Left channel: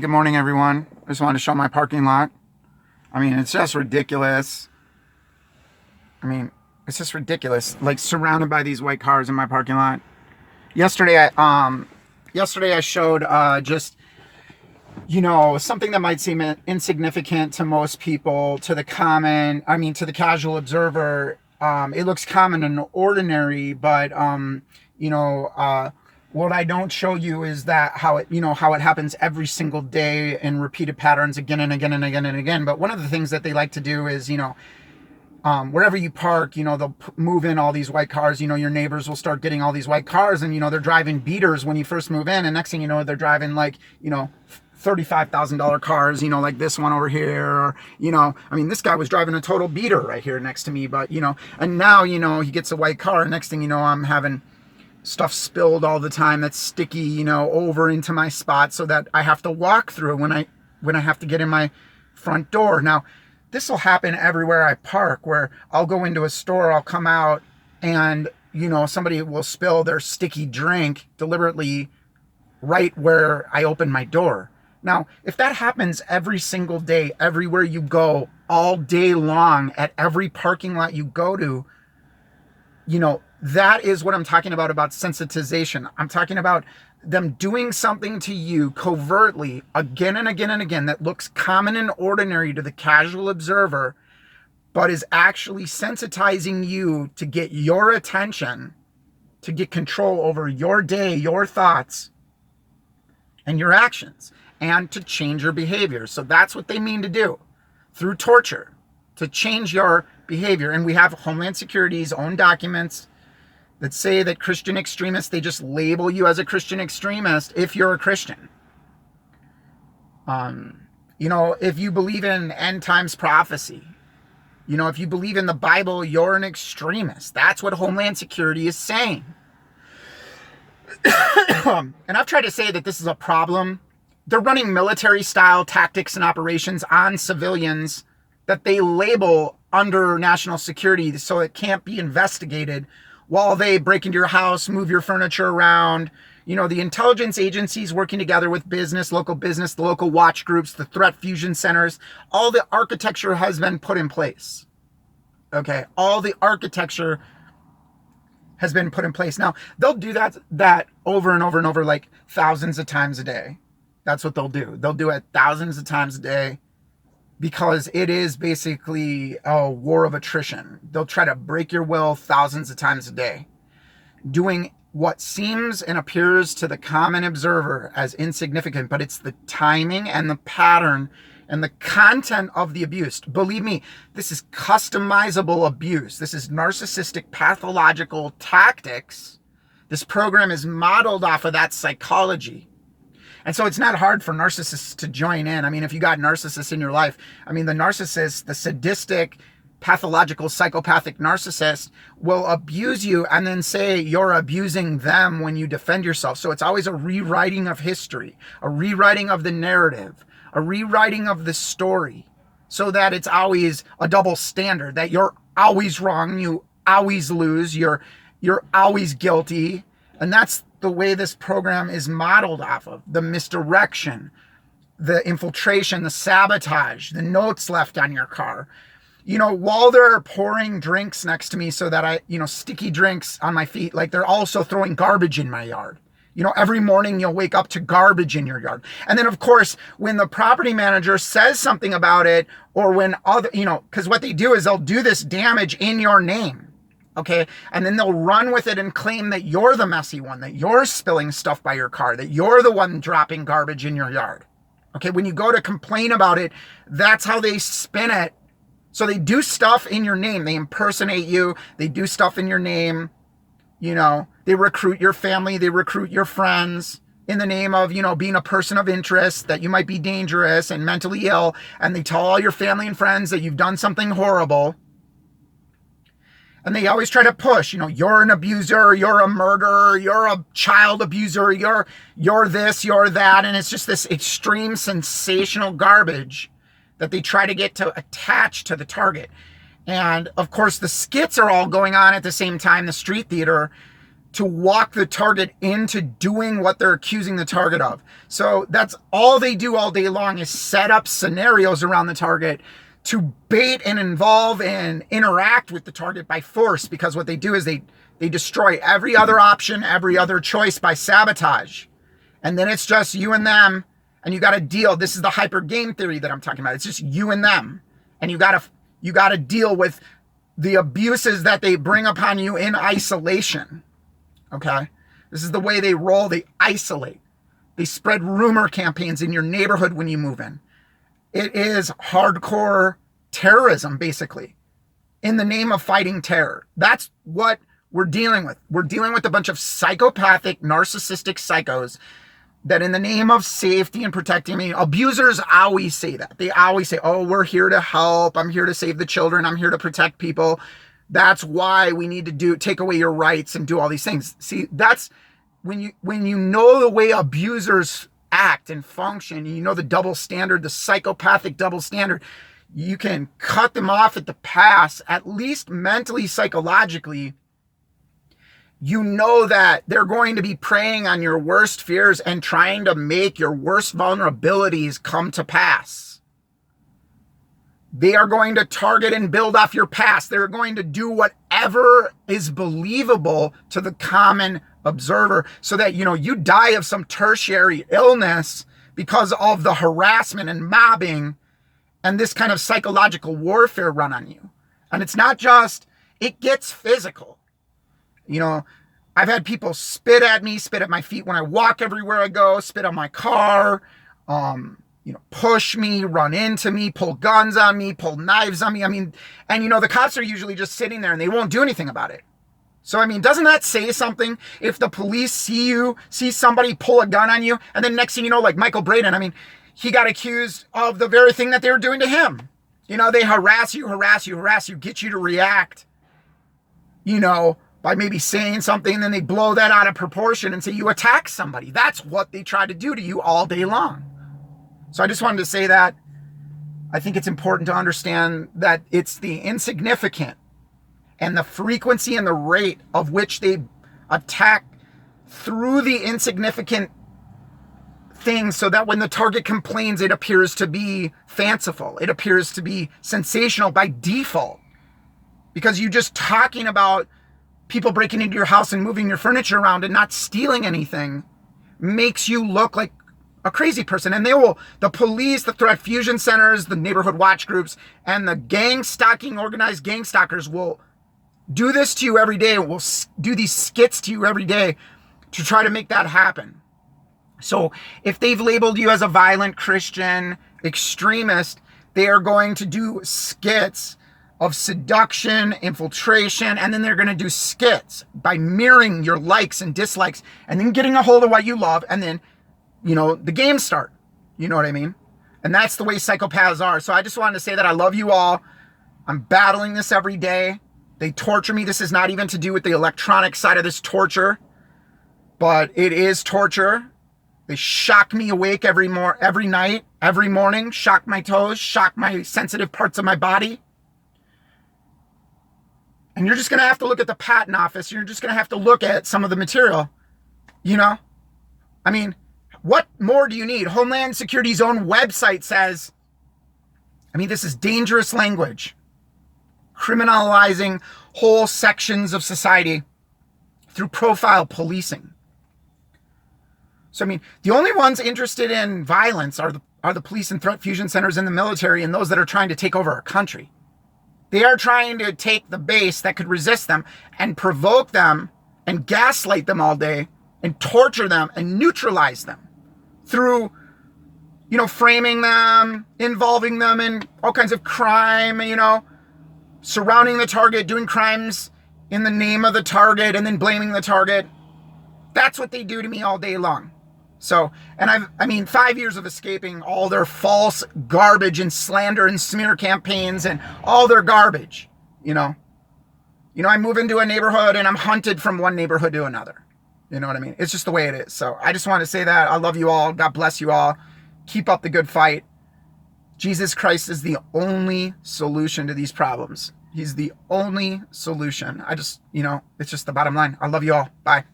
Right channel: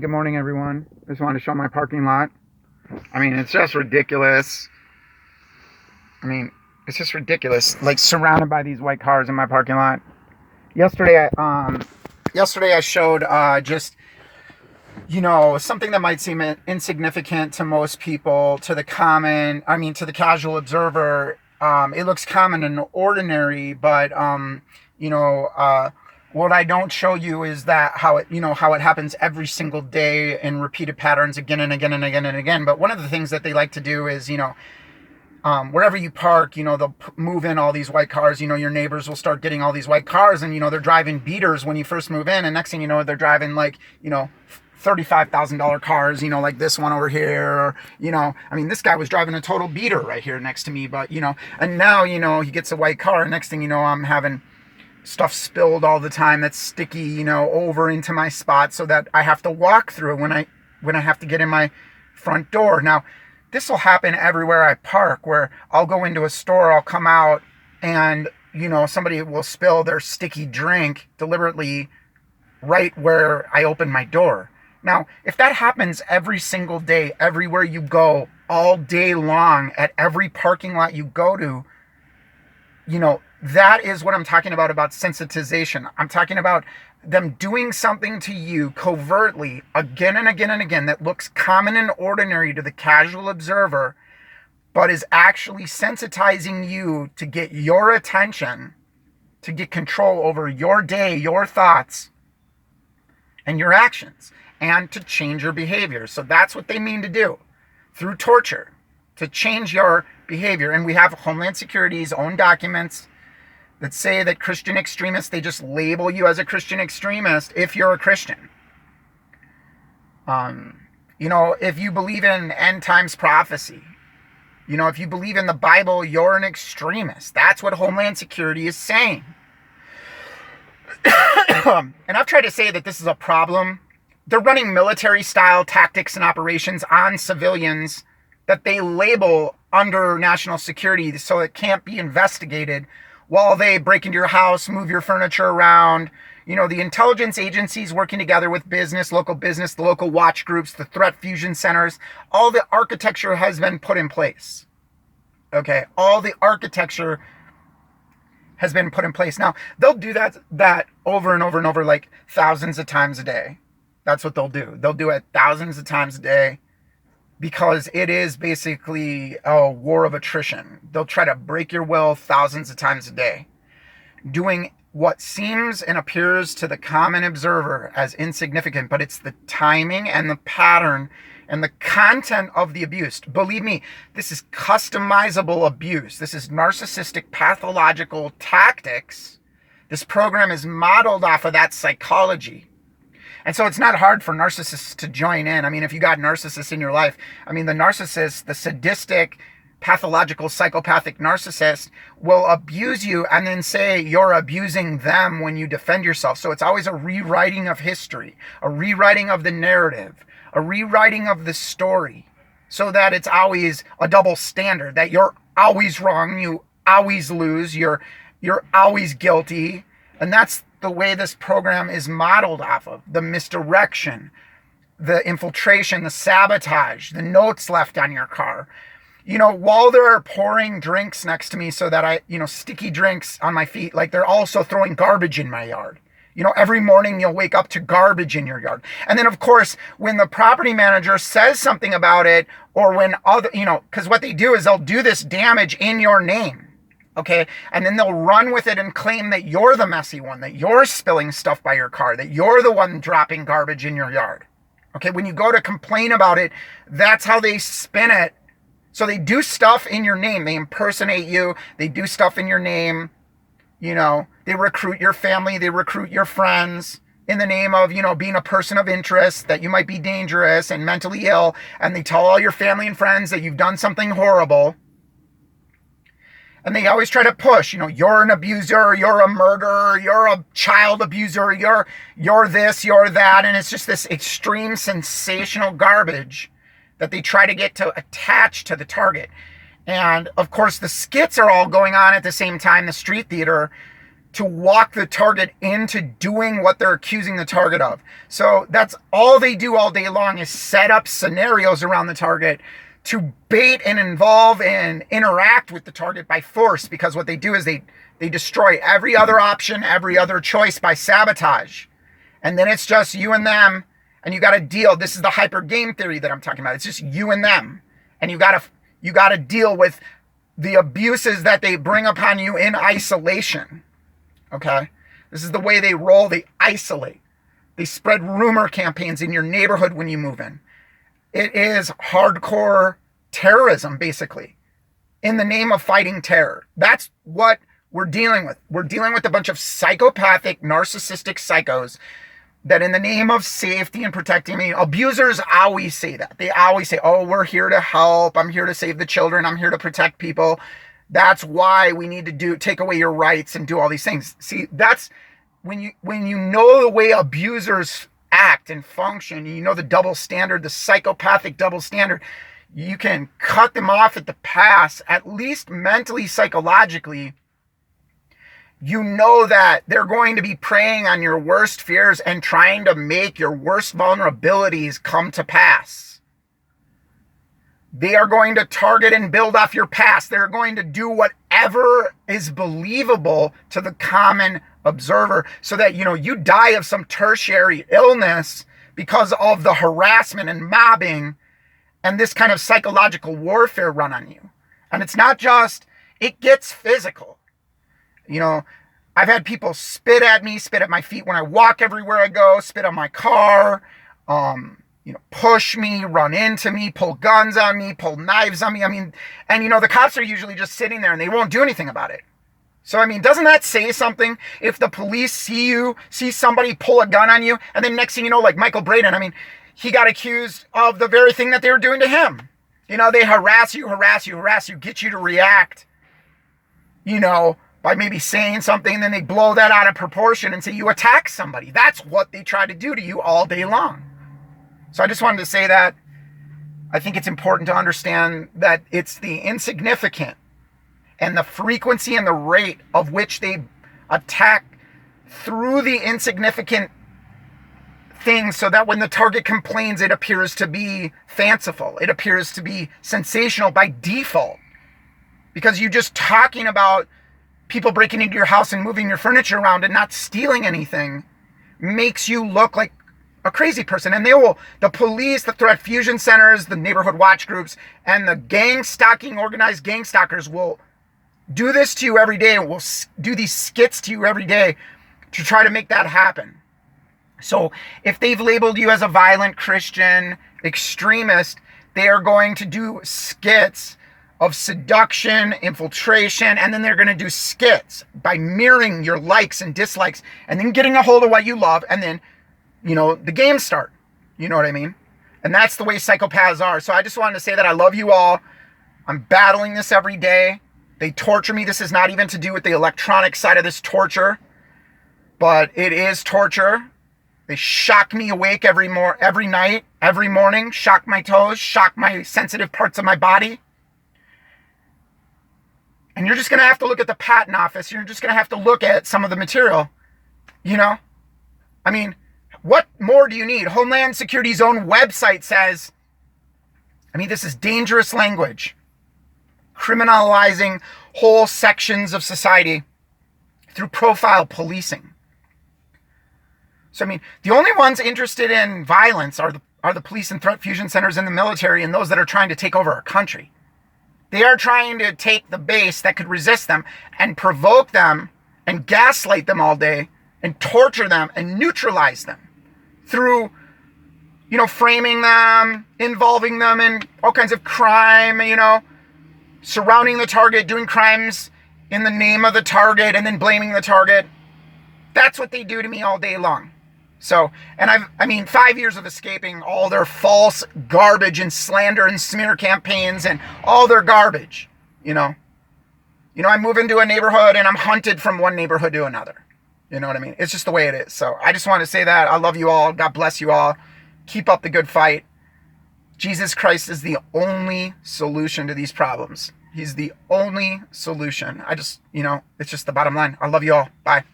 Good morning, everyone. I just wanted to show my parking lot. I mean, it's just ridiculous. It's just ridiculous. Like surrounded by these white cars in my parking lot. Yesterday I showed just something that might seem insignificant to most people, to the casual observer. It looks common and ordinary, but what I don't show you is that how it happens every single day in repeated patterns again and again and again and again. But one of the things that they like to do is, wherever you park, they'll move in all these white cars. Your neighbors will start getting all these white cars, and they're driving beaters when you first move in, and next thing you know, they're driving like $35,000 cars, like this one over here. This guy was driving a total beater right here next to me, but and now he gets a white car, and next thing you know, I'm having stuff spilled all the time that's sticky, over into my spot, so that I have to walk through when I have to get in my front door. Now, this will happen everywhere I park, where I'll go into a store, I'll come out, and somebody will spill their sticky drink deliberately right where I open my door. Now, if that happens every single day, everywhere you go, all day long, at every parking lot you go to, that is what I'm talking about sensitization. I'm talking about them doing something to you covertly again and again and again that looks common and ordinary to the casual observer, but is actually sensitizing you to get your attention, to get control over your day, your thoughts, and your actions, and to change your behavior. So that's what they mean to do through torture, to change your behavior. And we have Homeland Security's own documents that say that Christian extremists, they just label you as a Christian extremist if you're a Christian. If you believe in end times prophecy, if you believe in the Bible, you're an extremist. That's what Homeland Security is saying. And I've tried to say that this is a problem. They're running military-style tactics and operations on civilians that they label under national security so it can't be investigated, while they break into your house, move your furniture around. The intelligence agencies working together with local business, the local watch groups, the threat fusion centers, all the architecture has been put in place. Okay, all the architecture has been put in place. Now, they'll do that over and over and over, like thousands of times a day. That's what they'll do. They'll do it thousands of times a day, because it is basically a war of attrition. They'll try to break your will thousands of times a day, doing what seems and appears to the common observer as insignificant, but it's the timing and the pattern and the content of the abuse. Believe me, this is customizable abuse. This is narcissistic pathological tactics. This program is modeled off of that psychology. And so it's not hard for narcissists to join in. If you got narcissists in your life, the narcissist, the sadistic, pathological, psychopathic narcissist will abuse you and then say you're abusing them when you defend yourself. So it's always a rewriting of history, a rewriting of the narrative, a rewriting of the story, so that it's always a double standard, that you're always wrong, you always lose, you're always guilty. And that's the way this program is modeled off of: the misdirection, the infiltration, the sabotage, the notes left on your car. While they're pouring drinks next to me so that I, sticky drinks on my feet, like they're also throwing garbage in my yard. Every morning you'll wake up to garbage in your yard. And then, of course, when the property manager says something about it, or when because what they do is they'll do this damage in your name. Okay. And then they'll run with it and claim that you're the messy one, that you're spilling stuff by your car, that you're the one dropping garbage in your yard. Okay. When you go to complain about it, that's how they spin it. So they do stuff in your name. They impersonate you. They do stuff in your name. They recruit your family. They recruit your friends in the name of, being a person of interest, that you might be dangerous and mentally ill. And they tell all your family and friends that you've done something horrible. And they always try to push, you're an abuser, you're a murderer, you're a child abuser, you're this, you're that. And it's just this extreme sensational garbage that they try to get to attach to the target. And of course, the skits are all going on at the same time, the street theater. to walk the target into doing what they're accusing the target of. So that's all they do all day long, is set up scenarios around the target to bait and involve and interact with the target by force, because what they do is they destroy every other option, every other choice by sabotage. And then it's just you and them, and you got to deal. This is the hyper game theory that I'm talking about. It's just you and them, and you got to deal with the abuses that they bring upon you in isolation. Okay? This is the way they roll. They isolate. They spread rumor campaigns in your neighborhood when you move in. It is hardcore terrorism, basically, in the name of fighting terror. That's what we're dealing with. We're dealing with a bunch of psychopathic, narcissistic psychos that, in the name of safety and protecting me, abusers always say that. They always say, oh, we're here to help. I'm here to save the children. I'm here to protect people. That's why we need to take away your rights and do all these things. See, that's when you know the way abusers act and function, you know the double standard, the psychopathic double standard, you can cut them off at the pass, at least mentally, psychologically. You know that they're going to be preying on your worst fears and trying to make your worst vulnerabilities come to pass. They are going to target and build off your past. They're going to do whatever is believable to the common observer, so that, you die of some tertiary illness because of the harassment and mobbing and this kind of psychological warfare run on you. And it's not just, it gets physical. I've had people spit at me, spit at my feet when I walk everywhere I go, spit on my car, push me, run into me, pull guns on me, pull knives on me. And the cops are usually just sitting there and they won't do anything about it. So, doesn't that say something? If the police see somebody pull a gun on you, and then next thing you know, like Michael Braden, he got accused of the very thing that they were doing to him. They harass you, get you to react, by maybe saying something, and then they blow that out of proportion and say you attack somebody. That's what they try to do to you all day long. So I just wanted to say that. I think it's important to understand that it's the insignificant and the frequency and the rate of which they attack through the insignificant things, so that when the target complains, it appears to be fanciful. It appears to be sensational by default. Because you just talking about people breaking into your house and moving your furniture around and not stealing anything makes you look like a crazy person. And the police, the threat fusion centers, the neighborhood watch groups, and the organized gang stalkers will do this to you every day, and will do these skits to you every day to try to make that happen. So if they've labeled you as a violent Christian extremist, they are going to do skits of seduction, infiltration, and then they're going to do skits by mirroring your likes and dislikes, and then getting a hold of what you love, and then, the games start. You know what I mean? And that's the way psychopaths are. So I just wanted to say that I love you all. I'm battling this every day. They torture me. This is not even to do with the electronic side of this torture, but it is torture. They shock me awake every night, every morning, shock my toes, shock my sensitive parts of my body. And you're just going to have to look at the patent office. You're just going to have to look at some of the material, what more do you need? Homeland Security's own website says, this is dangerous language, criminalizing whole sections of society through profile policing. So, the only ones interested in violence are the police and threat fusion centers in the military, and those that are trying to take over our country. They are trying to take the base that could resist them and provoke them and gaslight them all day and torture them and neutralize them through, framing them, involving them in all kinds of crime, surrounding the target, doing crimes in the name of the target, and then blaming the target. That's what they do to me all day long. So, and 5 years of escaping all their false garbage and slander and smear campaigns and all their garbage, I move into a neighborhood and I'm hunted from one neighborhood to another. You know what I mean? It's just the way it is. So I just want to say that I love you all. God bless you all. Keep up the good fight. Jesus Christ is the only solution to these problems. He's the only solution. It's just the bottom line. I love you all. Bye.